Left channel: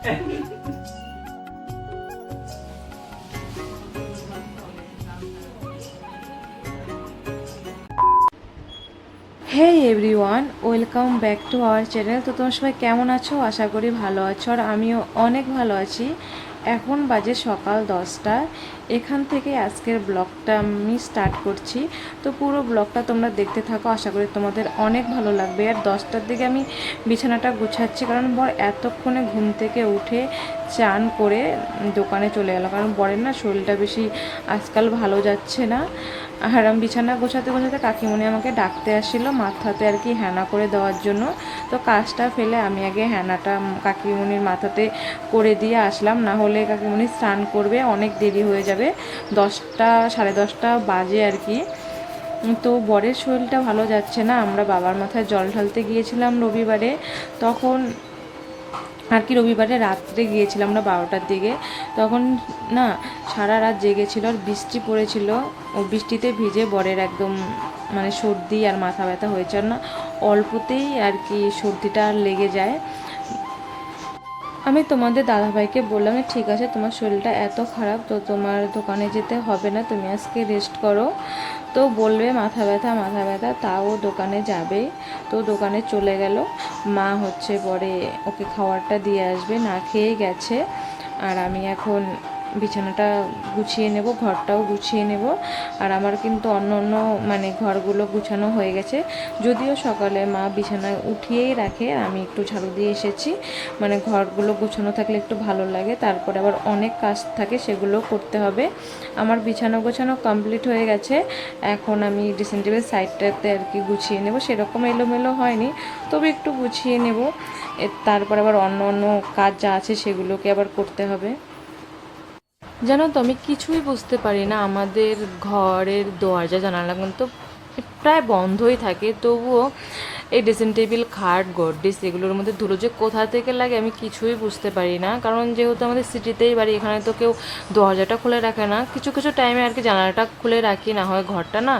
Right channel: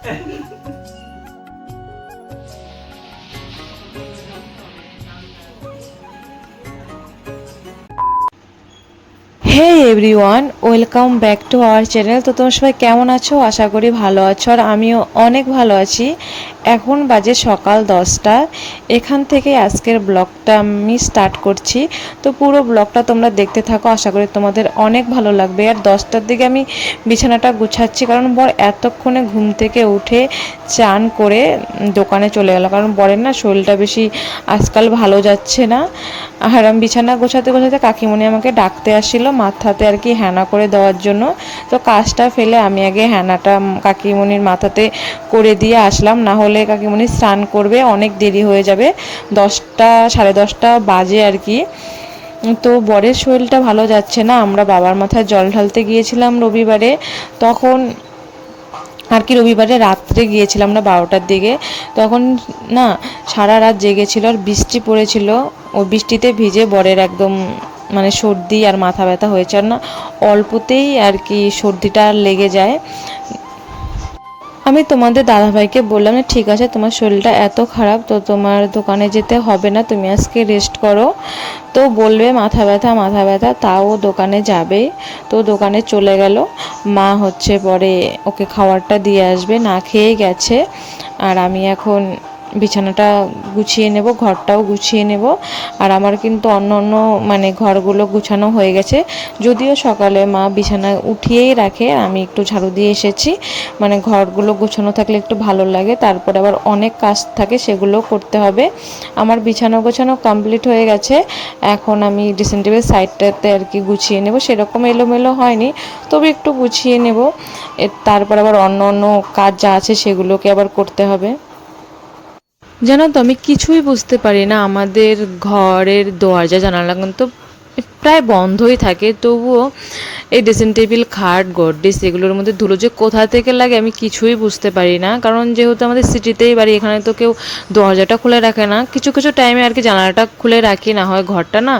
Hey everyone welcome back to our channel তো তোমার সবাই কেমন আছো? আশা করি ভালো আছো, আর আমিও অনেক ভালো আছি। এখন বাজে সকাল দশটা। এখান থেকে আজকের ব্লগটা আমি স্টার্ট করছি। তো পুরো ব্লগটা তোমরা দেখতে থাকো, আশা করি তোমাদের অনেক ভালো লাগবে। আর দশটার দিকে আমি বিছানাটা গুছাচ্ছি, কারণ বর এতক্ষণে ঘুম থেকে উঠে চান করে দোকানে চলে গেল। কারণ বরের না শরীরটা বেশি আজকাল ভালো যাচ্ছে না। আর আমি বিছানা গোছাতে গোছাতে কাকিমণি আমাকে ডাকতে আসছিল মাথাতে আর কি হ্যানা করে দেওয়ার জন্য। তো কাজটা ফেলে আমি আগে হ্যানাটা কাকিমণির মাথাতে করে দিয়ে আসলাম। না হলে কাকিমণি স্নান করবে, অনেক দেরি হয়ে যাবে, দশটা, সাড়ে দশটা বাজে আর কি। তো বরের শরীরটা ভালো যাচ্ছে না, আমরা বাবার মাথায় জল ঢালতে গিয়েছিলাম রবিবারে, তখন আর কি রবিবারে রাত্রে গিয়েছিলাম না বারোটার দিকে, তখন না সারা রাত জেগেছিল আর বৃষ্টি পড়েছিল, ও বৃষ্টিতে ভিজে বরের একদম মানে সর্দি আর মাথা ব্যথা হয়েছে, আর না অল্পতেই আর কি সর্দিটা লেগে যায়। আমি তোমাদের দাদাভাইকে বললাম যে, ঠিক আছে, তোমার শরীরটা এত খারাপ, তো তোমার দোকানে যেতে হবে না, তুমি আজকে রেস্ট করো। তো বলবে, মাথা ব্যথা মাথা ব্যথা, তাও দোকানে যাবে। তো দোকানে চলে গেল। মা হচ্ছে পরে ওকে খাবারটা দিয়ে আসবে, না খেয়ে গেছে। আর আমি এখন বিছানাটা গুছিয়ে নেব, ঘরটাও গুছিয়ে নেব। আর আমার কিন্তু অন্য অন্য মানে ঘরগুলো গুছানো হয়ে গেছে। যদিও সকালে মা বিছানা উঠিয়েই রাখে, আমি একটু ঝাড়ু দিয়ে এসেছি। মানে ঘরগুলো গুছানো থাকলে একটু ভালো লাগে, তারপর আবার অনেক কাজ থাকে, সেগুলো করতে হবে। আমার বিছানা গোছানো কমপ্লিট হয়ে গেছে, এখন আমি ড্রেসিং টেবিল সাইডটাতে আর কি গুছিয়ে নেব, সেরকম এলোমেলো হয়নি, তবে একটু গুছিয়ে নেব। তারপর আবার অন্য অন্য কাজ যা আছে সেগুলোকে আবার করতে হবে। জানো তো, আমি কিছুই বুঝতে পারি না। আমাদের ঘরের দরজা, জানালা কিন্তু প্রায় বন্ধই থাকে। তবুও এই ড্রেসিং টেবিল খাট গড্রেস এগুলোর মধ্যে ধুলো যে কোথা থেকে লাগে আমি কিছুই বুঝতে পারি না। কারণ যেহেতু আমাদের সিটিতেই বাড়ি, এখানে তো কেউ দরজাটা খুলে রাখে না। কিছু কিছু টাইমে আর কি জানালাটা খুলে রাখি, না হয় ঘরটা না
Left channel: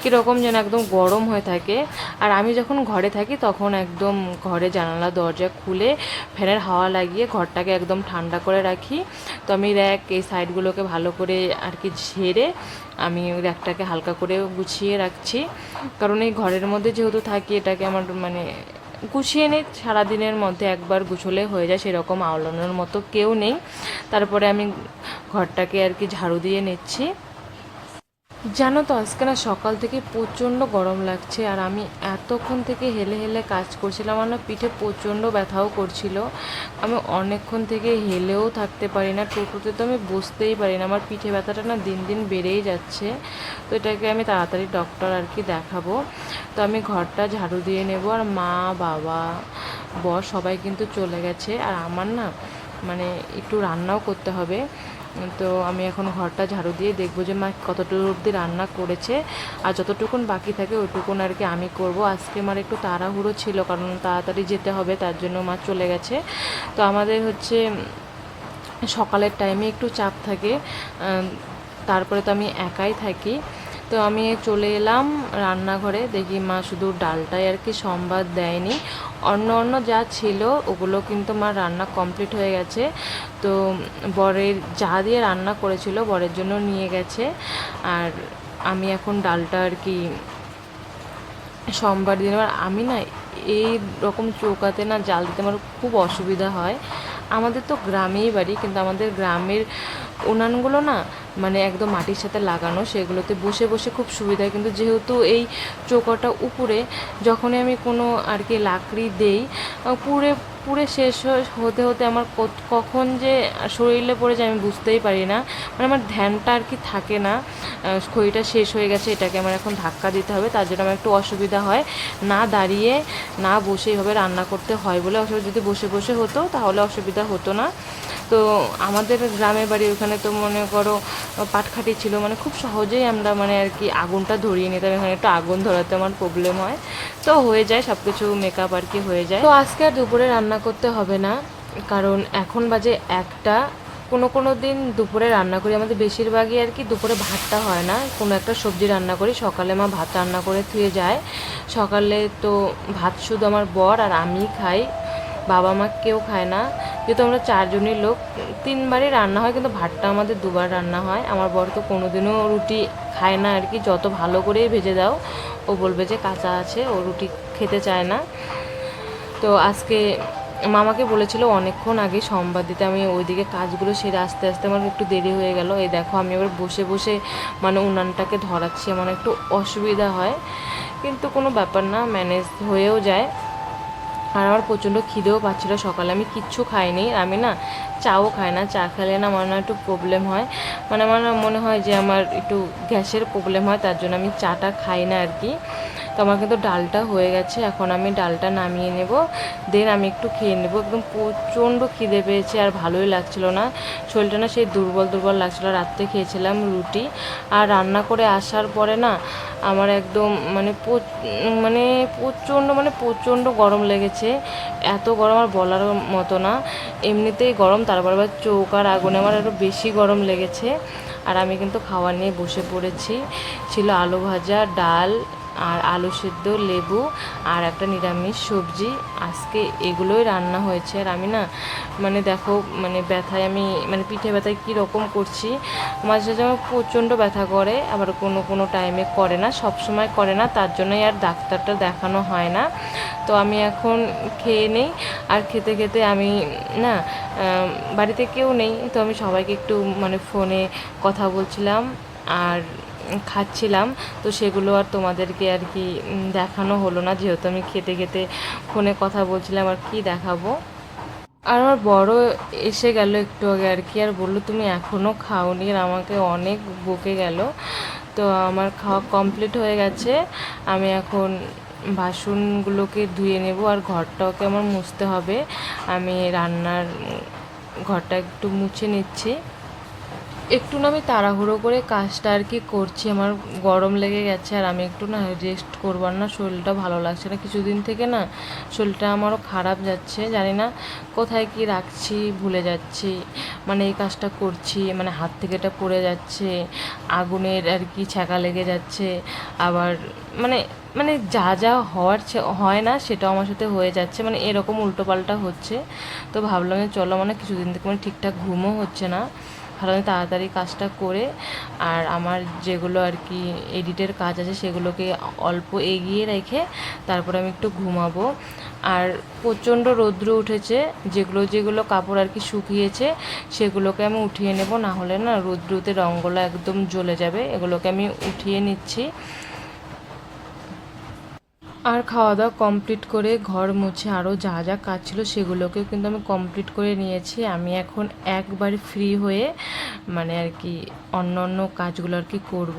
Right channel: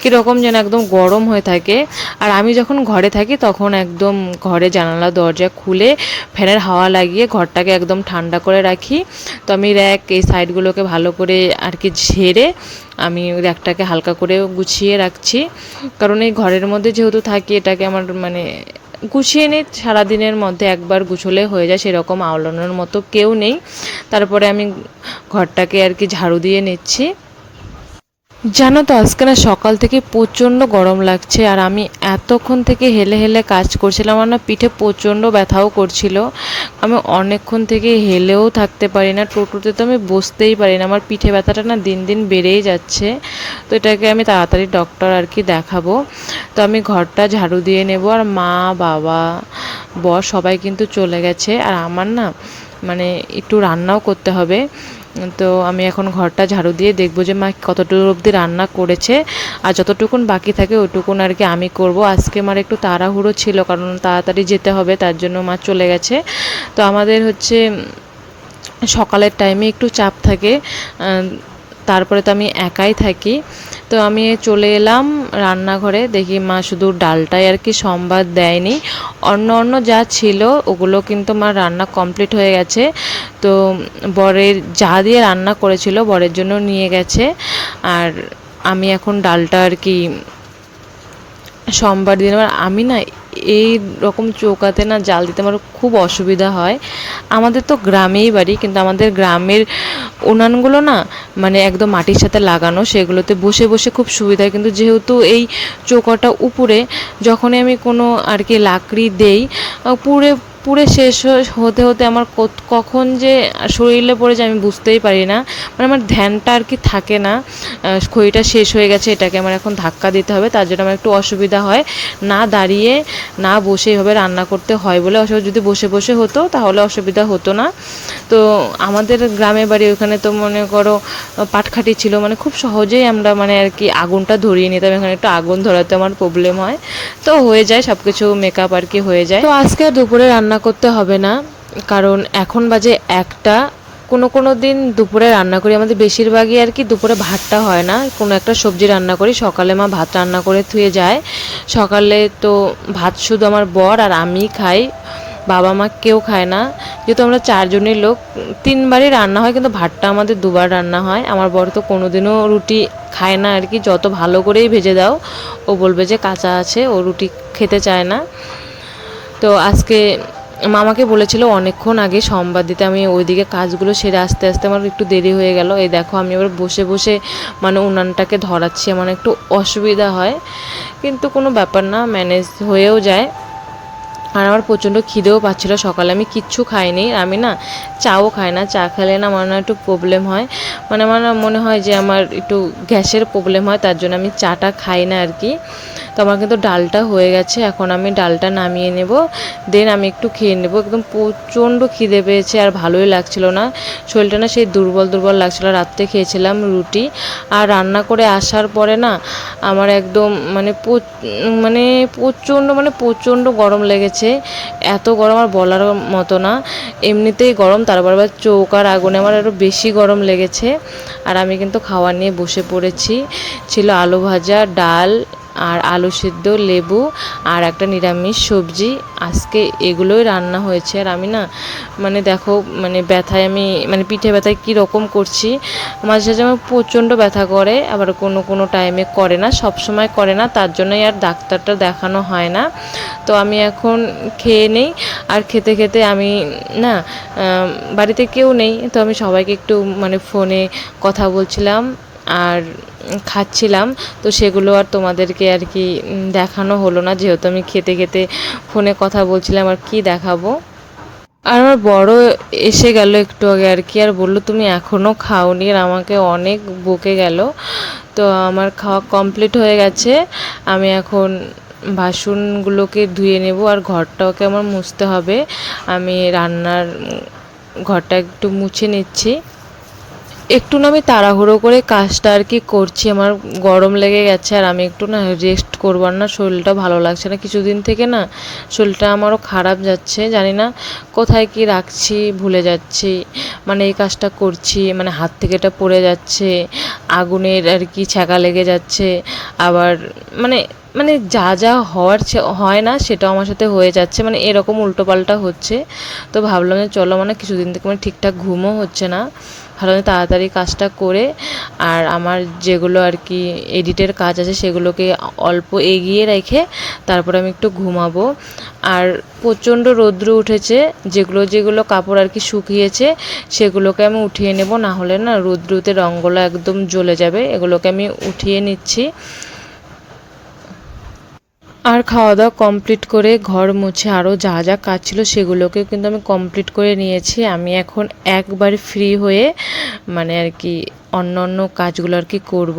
কীরকম যেন একদম গরম হয়ে থাকে। আর আমি যখন ঘরে থাকি তখন একদম ঘরে জানালা, দরজা খুলে ফ্যানের হাওয়া লাগিয়ে ঘরটাকে একদম ঠান্ডা করে রাখি। তো আমি র্যাক এই সাইডগুলোকে ভালো করে আর কি ঝেড়ে আমি র্যাকটাকে হালকা করে গুছিয়ে রাখছি। কারণ এই ঘরের মধ্যে যেহেতু থাকি, এটাকে আমার মানে গুছিয়ে নিই, সারাদিনের মধ্যে একবার গুছলে হয়ে যায়, সেরকম আওলানোর মতো কেউ নেই। তারপরে আমি ঘরটাকে আর কি ঝাড়ু দিয়ে নিচ্ছি। জানো তো, আজকে না সকাল থেকে প্রচণ্ড গরম লাগছে আর আমি এতক্ষণ থেকে হেলে হেলে কাজ করছিলাম আমার না পিঠে প্রচণ্ড ব্যথাও করছিল। আমি অনেকক্ষণ থেকে হেলেও থাকতে পারি না টোটোতে তো আমি বসতেই পারি না। আমার পিঠে ব্যথাটা না দিন দিন বেড়েই যাচ্ছে। তো এটাকে আমি তাড়াতাড়ি ডক্টর আর কি দেখাবো। তো আমি ঘরটা ঝাড়ু দিয়ে নেব আর মা, বাবা, বর সবাই কিন্তু চলে গেছে। আর আমার না মানে একটু রান্নাও করতে হবে। তো আমি এখন ঘরটা ঝাড়ু দিয়ে দেখব যে মা কতটুকু অবধি রান্না করেছে। আর যতটুকুন বাকি থাকে ওটুকুন আর কি আমি করব। আজকে আমার একটু তাড়াহুড়ো ছিল, কারণ তাড়াতাড়ি যেতে হবে, তার জন্য মা চলে গেছে। তো আমাদের হচ্ছে সকালের টাইমে একটু চাপ থাকে তারপরে তো আমি একাই থাকি। তো আমি চলে এলাম রান্নাঘরে, দেখি মা শুধু ডালটাই আর কি সম্বাদ দেয়নি। অন্য অন্য যা ছিল, ওগুলো কিন্তু মা রান্না কমপ্লিট হয়ে গেছে। তো বরের যা দিয়ে রান্না করেছিল, বরের জন্য নিয়ে গেছে। আর আমি এখন ডালটা আর কি সোমবার দিন আমি না এই রকম চৌকাতে না জাল দিতে আমার খুব অসুবিধা হয়। আমাদের তো গ্রামেই বাড়ি, কিন্তু আমাদের গ্রামের উনানগুলো না মানে একদম মাটির সাথে লাগানো, সেগুলোতে বসে বসে খুব সুবিধা কিন্তু যেহেতু এই চৌকাটা উপরে, যখনই আমি কোনো আর কি লাকড়ি দেই পুরে পুরে শেষ হতে হতে আমার কখন যে শরীরে পড়ে যায় আমি বুঝতেই পারি না। মানে আমার ধ্যানটা আর কি থাকে না। খড়িটা শেষ হয়ে গেছে, এটাকে আমার এখন ধাক্কা দিতে হবে। তার জন্য আমার একটু অসুবিধা হয়। না দাঁড়িয়ে, না বসে এভাবে রান্না করতে হয় বলে অসুবিধা, যদি বসে বসে হতো তাহলে অসুবিধা হতো না। তো আমাদের গ্রামের বাড়ি ওখানে তো মনে করো পাটখাটি ছিল মানে খুব সহজেই আমরা মানে আর কি আগুনটা ধরিয়ে নিতাম, এখানে একটু আগুন ধরাতে আমার প্রবলেম হয়। তো হয়ে যায় সব কিছু মেকআপ আর কি হয়ে যায়। তো আজকে আর দুপুরে রান্না করতে হবে না, কারণ এখন বাজে একটা, কোনো কোনো দিন দুপুরে রান্না করি। আমাদের বেশিরভাগই আর কি দুপুরে ভাতটা হয় না, কোনো একটা সবজি রান্না করি, সকালে মা ভাত রান্না করে থুয়ে যায়। সকালে তো ভাত শুধু আমার বর আর আমি খাই বাবা মা কেউ খায় না। যেহেতু আমরা চারজনের লোক, তিনবারই রান্না হয় কিন্তু ভাতটা আমাদের দুবার রান্না হয়। আমার বর তো কোনোদিনও রুটি খায় না আর কি। যত ভালো করেই ভেজে দাও, ও বলবে যে কাঁচা আছে, ও রুটি খেতে চায় না। তো আজকে মামাকে বলেছিল অনেকক্ষণ আগে সোমবার দিতে আমি ওইদিকে কাজগুলো সেরে আস্তে আস্তে আমার একটু দেরি হয়ে গেল। এই দেখো আমি এবার বসে বসে মানে উনানটাকে ধরাচ্ছি, আমার একটু অসুবিধা হয়। কিন্তু কোনো ব্যাপার না, ম্যানেজ হয়েও যায়। আর আমার প্রচণ্ড খিদেও পাচ্ছিল। সকালে আমি কিচ্ছু খাইনি। আমি না চাও খাই না, চা খেলে না আমার না একটু প্রবলেম হয়। মানে আমার মনে হয় যে আমার একটু গ্যাসের প্রবলেম হয়, তার জন্য আমি চাটা খাই না আর কি। তো আমার কিন্তু ডালটা হয়ে গেছে, এখন আমি ডালটা নামিয়ে নেব। দেন আমি একটু খেয়ে নেব। একদম প্রচণ্ড খিদে পেয়েছে আর ভালোই লাগছিল না। শরীরটা না সেই দুর্বল দুর্বল লাগছিল। রাত্রে খেয়েছিলাম রুটি আর রান্না করে আসার পরে না আমার একদম মানে মানে প্রচণ্ড মানে প্রচণ্ড গরম লেগেছে। এত গরম আর বলার মতো না। এমনিতেই গরম তারপর আবার চৌকার আগুনে আমার আরও বেশি গরম লেগেছে। আর আমি কিন্তু খাওয়া নিয়ে বসে পড়েছি। ছিল আলু ভাজা, ডাল আর আলু সিদ্ধ, লেবু আর একটা নিরামিষ সবজি। আজকে এগুলোই রান্না হয়েছে। আর আমি না মানে দেখো মানে ব্যথায় আমি মানে পিঠে ব্যথায় কী রকম করছি, মাঝে মাঝে আমার প্রচণ্ড ব্যথা করে, আবার কোনো কোনো টাইমে করে না, সব সময় করে না, তার জন্যই আর ডাক্তারটা দেখানো হয় না। তো আমি এখন খেয়ে নেই, আর খেতে খেতে আমি না বাড়িতে কেউ নেই, তো আমি সবাইকে একটু মানে ফোনে কথা বলছিলাম। আর খাচ্ছিলাম, তো সেগুলো আর তোমাদেরকে আর কি দেখানো হলো না। যেহেতু আমি খেতে খেতে ফোনে কথা বলছিলাম, আর কি দেখাবো? আর আমার বড় এসে গেল একটু আগে আর কি, আর বলল, তুমি এখনও খাওনি। আর আমাকে অনেক বকে গেল। তো আমার খাওয়া কমপ্লিট হয়ে গেছে। আমি এখন বাসনগুলোকে ধুয়ে নেব, আর ঘরটাকে আমার মুছতে হবে। আমি রান্নার ঘরটা একটু মুছে নিচ্ছি। একটু না আমি তাড়াহুড়ো করে কাজটা আর কি করছি। আমার গরম লেগে গেছে আর আমি একটু না রেস্ট করবার না শরীরটা ভালো লাগছে না। কিছুদিন থেকে না শরীরটা আমারও খারাপ যাচ্ছে, জানি না কোথায় কি রাখছি, ভুলে যাচ্ছি। মানে এই কাজটা করছি মানে হাত থেকে এটা পড়ে যাচ্ছে, আগুনের আর কি ছ্যাঁকা লেগে যাচ্ছে। আবার মানে মানে যা যা হওয়ার হয় না সেটাও আমার সাথে হয়ে যাচ্ছে। মানে এরকম উল্টোপাল্টা হচ্ছে। তো ভাবলাম যে চলো মানে কিছুদিন থেকে মানে ঠিকঠাক ঘুমও হচ্ছে না। ভালো তাড়াতাড়ি কাজটা করে আর আমার যেগুলো আর কি এডিটের কাজ আছে সেগুলোকে অল্প এগিয়ে রেখে তারপরে আমি একটু ঘুমাবো। আর প্রচণ্ড রৌদ্র উঠেছে, যেগুলো যেগুলো কাপড় আর কি শুকিয়েছে সেগুলোকে আমি উঠিয়ে নেব না হলে না রৌদ্রতে রঙগুলো একদম জ্বলে যাবে। এগুলোকে আমি উঠিয়ে নিচ্ছি। আর খাওয়া দাওয়া কমপ্লিট করে ঘর মুছে আরও যা যা কাজ ছিল সেগুলোকে কিন্তু আমি কমপ্লিট করে নিয়েছি। আমি এখন একবার ফ্রি হয়ে মানে আর কি অন্য অন্য কাজগুলো আর কি করব।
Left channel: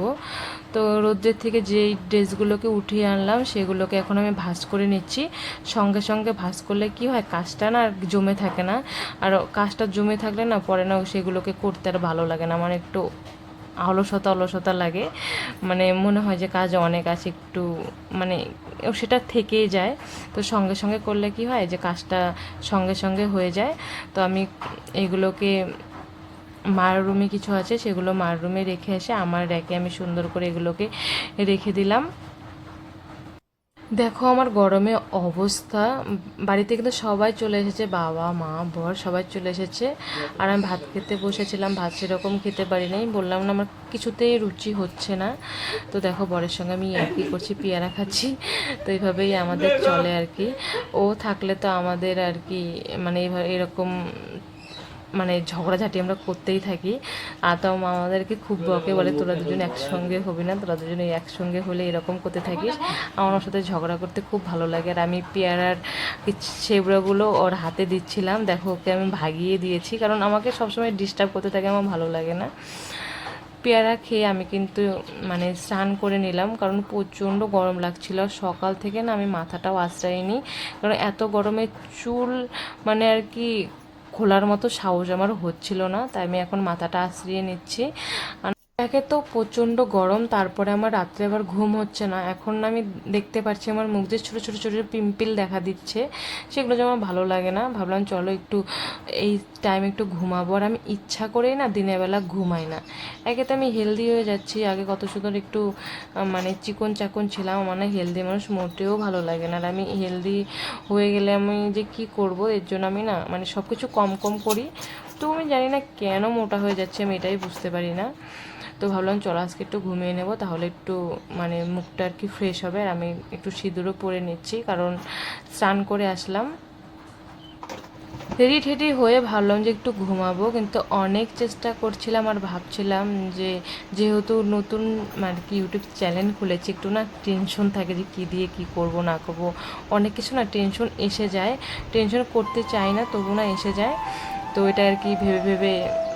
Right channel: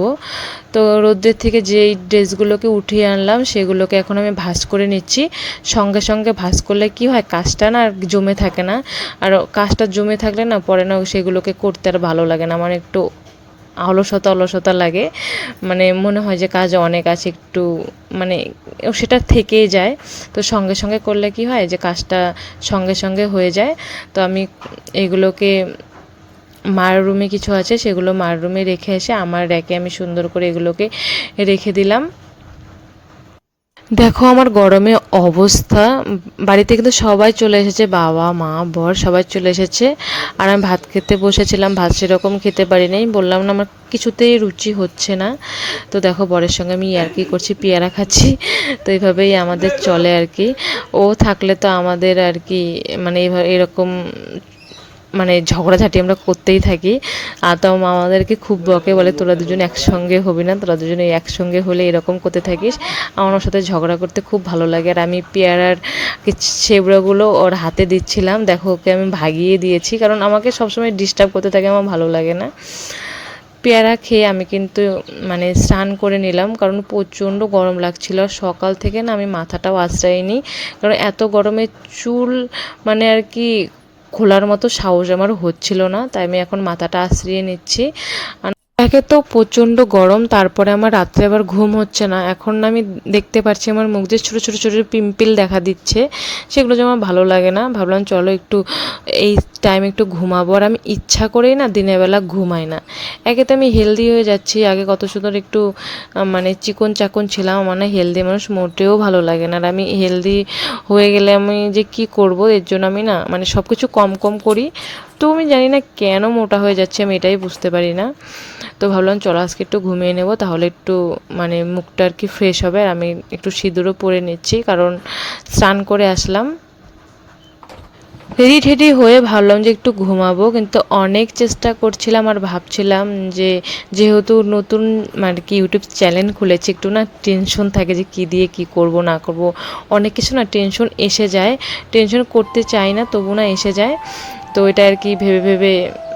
তো রোদ্রের থেকে যেই ড্রেসগুলোকে উঠিয়ে আনলাম সেগুলোকে এখন আমি ভাঁজ করে নিচ্ছি। সঙ্গে সঙ্গে ভাঁজ করলে কি হয়, কাজটা না আর জমে থাকে না। আর কাজটা জমে থাকলে না পরে না সেগুলোকে করতে আর ভালো লাগে না। আমার একটু অলসতা অলসতা লাগে। মানে মনে হয় যে কাজ অনেক আছে, একটু মানে সেটা থেকেই যায়। তো সঙ্গে সঙ্গে করলে কি হয় যে কাজটা সঙ্গে সঙ্গে হয়ে যায়। তো আমি এগুলোকে মার রুমে কিছু আছে সেগুলো মার রুমে রেখে এসে আমার র্যাকে আমি সুন্দর করে এগুলোকে রেখে দিলাম। দেখো, আমার গরমে অবস্থা, বাড়িতে কিন্তু সবাই চলে এসেছে, বাবা, মা, বর, সবাই চলে এসেছে। আর আমি ভাত খেতে বসেছিলাম, ভাত সেরকম খেতে পারি নাই বললাম না, আমার কিছুতেই রুচি হচ্ছে না। তো দেখো, বরের সঙ্গে আমি আর কি করছি, পেয়ারা খাচ্ছি। তো এইভাবেই আমাদের চলে আর কি। ও থাকলে তো আমাদের আর কি মানে এরকম মানে ঝগড়াঝাটি আমরা করতেই থাকি। আর তো আমাদেরকে খুব বকে বলে, তোরা দুজন একসঙ্গে হবি না, তোরা দুজনে একসঙ্গে হলে এরকম করতে থাকিস। আমার সাথে ঝগড়া করতে খুব ভালো লাগে। আর আমি পেয়ারার ছেবড়াগুলো ওর হাতে দিচ্ছিলাম। দেখো, ওকে আমি ভাগিয়ে দিয়েছি, কারণ আমাকে সবসময় ডিস্টার্ব করতে থাকে, আমার ভালো লাগে না। পেয়ারা খেয়ে আমি কিন্তু মানে স্নান করে নিলাম, কারণ প্রচণ্ড গরম লাগছিল। আর সকাল থেকে না আমি মাথাটাও আশ্রয় আশ্রয়নি কারণ এত গরমে চুল মানে আর কি খোলার মতো সাহস আমার হচ্ছিল না তাই আমি এখন মাথাটা আশ্রিয়ে নিচ্ছি। একে তো প্রচণ্ড গরম, তারপরে আমার রাত্রে আবার ঘুম হচ্ছে না। এখন আমি দেখতে পাচ্ছি আমার মুখ দিয়ে ছোটো ছোটো ছোটো পিম্পল দেখা দিচ্ছে, সেগুলো যে আমার ভালো লাগে না। ভাবলাম চলো একটু এই টাইম একটু ঘুমাবো। আর আমি ইচ্ছা করেই না দিনের বেলা ঘুমাই না। একে তো আমি হেলদি হয়ে যাচ্ছি। আগে কত সুন্দর একটু মানে চিকন চাকন ছিলাম। আমার না হেলদি মানুষ মোটেও ভালো লাগে না। আর আমি হেলদি হয়ে গেলে আমি যে কি করব? এর জন্য আমি না মানে সব কিছু কম কম করি। তো আমি জানি না কেন মোটা হয়ে যাচ্ছে, আমি এটাই বুঝতে পারি না। তো ভাবলাম, চলো আজকে একটু ঘুমিয়ে নেব, তাহলে একটু মানে মুখটা আর কি ফ্রেশ হবে, আর আমি একটু সিঁদুরও পরে নিচ্ছি। কারণ স্নান করে আসলাম। রেডি ঠেডি হয়ে ভাবলাম যে একটু ঘুমাবো, কিন্তু অনেক চেষ্টা করছিলাম আর ভাবছিলাম যে, যেহেতু নতুন মানে কি ইউটিউব চ্যানেল খুলেছি, একটু না টেনশন থাকে যে কী দিয়ে কি করব, না করব। অনেক কিছু না টেনশন এসে যায়, টেনশন করতে চাই না, তবু না এসে যায়। তো এটা আর কি ভেবে ভেবে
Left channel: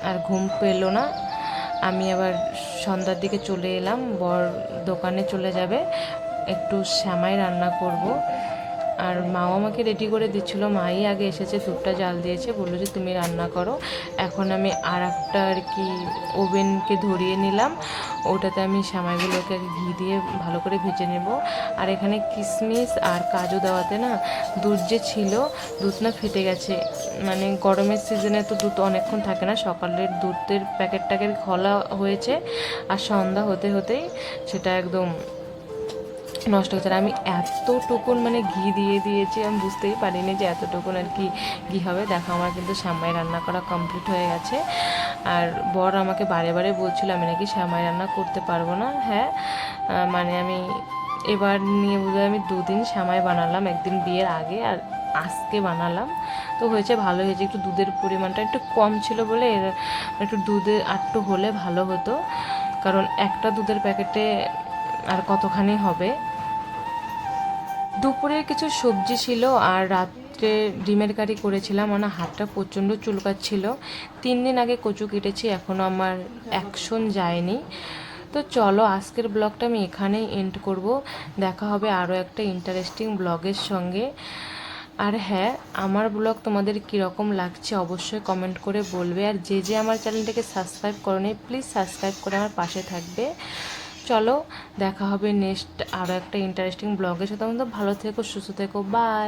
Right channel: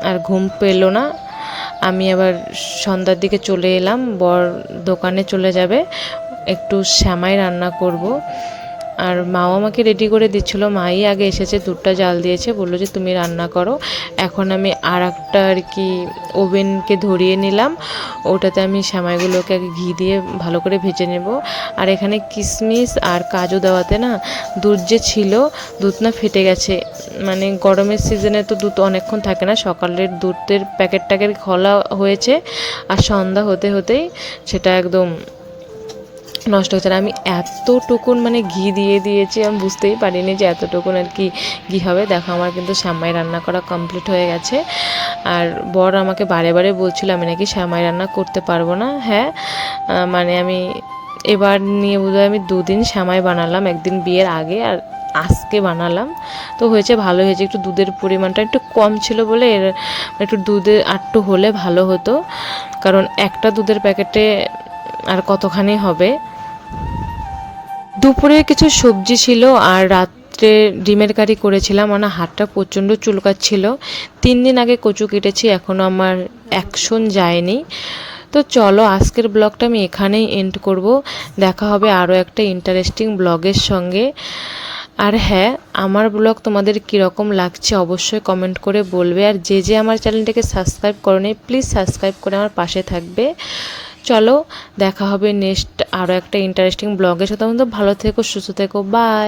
আর ঘুম পেল না। আমি আবার সন্ধ্যার দিকে চলে এলাম বর দোকানে চলে যাবে একটু শ্যামাই রান্না করব। আর মাও আমাকে রেডি করে দিচ্ছিল। মাই আগে এসেছে, দুধটা জাল দিয়েছে, বলল যে তুমি রান্না করো। এখন আমি আর একটা আর কি ওভেনকে ধরিয়ে নিলাম। ওটাতে আমি সামাইগুলোকে আগে ঘি দিয়ে ভালো করে ভেজে নেব। আর এখানে কিশমিশ আর কাজু দেওয়াতে না দুধ যে ছিল, দুধ না ফেটে গেছে। মানে গরমের সিজনে তো দুধ অনেকক্ষণ থাকে না, সকালের দুধের প্যাকেটটাকে খোলা হয়েছে। আর সন্ধ্যা হতে হতেই সেটা একদম নষ্ট হচ্ছে আর আমি এতটুকুন মানে ঘি দিয়ে দিয়েছি, আমি বুঝতেই পারিনি যে এতটুকুন আর কি ঘি হবে। দেখো, আমার কিন্তু শ্যামাই রান্না করা কমপ্লিট হয়ে গেছে। আর বর আমাকে বারে বারে বলছিল, আমি নাকি শ্যামাই রান্না করতে পারব না। হ্যাঁ মানে আমি এবার নিয়ে বোধহয় আমি দুদিন শ্যামাই বানালাম, একদিন বিয়ের আগে আর আজকে বানালাম। তো হয়েছে ভালো হয়েছে, একটু দুধের পরিমাণটা একটু কম ছিল বলে এর একটু দুধে আটটু হলে ভালো হতো। কারণ একটা দুধের প্যাকেটে আর কতখানি হবে? দুপুরে কিছু সবজি ছিল আর রাত্রে ডিমের কারি করেছিলাম। আমার হাতটা প্রচণ্ড চুলকাচ্ছিল। তিন দিন আগে কচু কেটেছি এখনও আমার অ্যাকশন যায়নি। তো চলো, আজকের ব্লগটা আমি এখানেই এন্ড করব। দেখা হবে আরও একটা ইন্টারেস্টিং ব্লগের সঙ্গে। আর হ্যাঁ আমার ব্লগ তোমাদের কীরকম লাগছে অবশ্যই কমেন্ট করে বলবে। আর যে যে আমার চ্যানেলটাকে সাবস্ক্রাইব করো প্লিজ সাবস্ক্রাইব করে আমার পাশে থাকবে। চলো দেখা হবে নেক্সট আরও একটা ইন্টারেস্টিং ব্লগের সাথে। ভালো থেকো সুস্থ থেকো বাই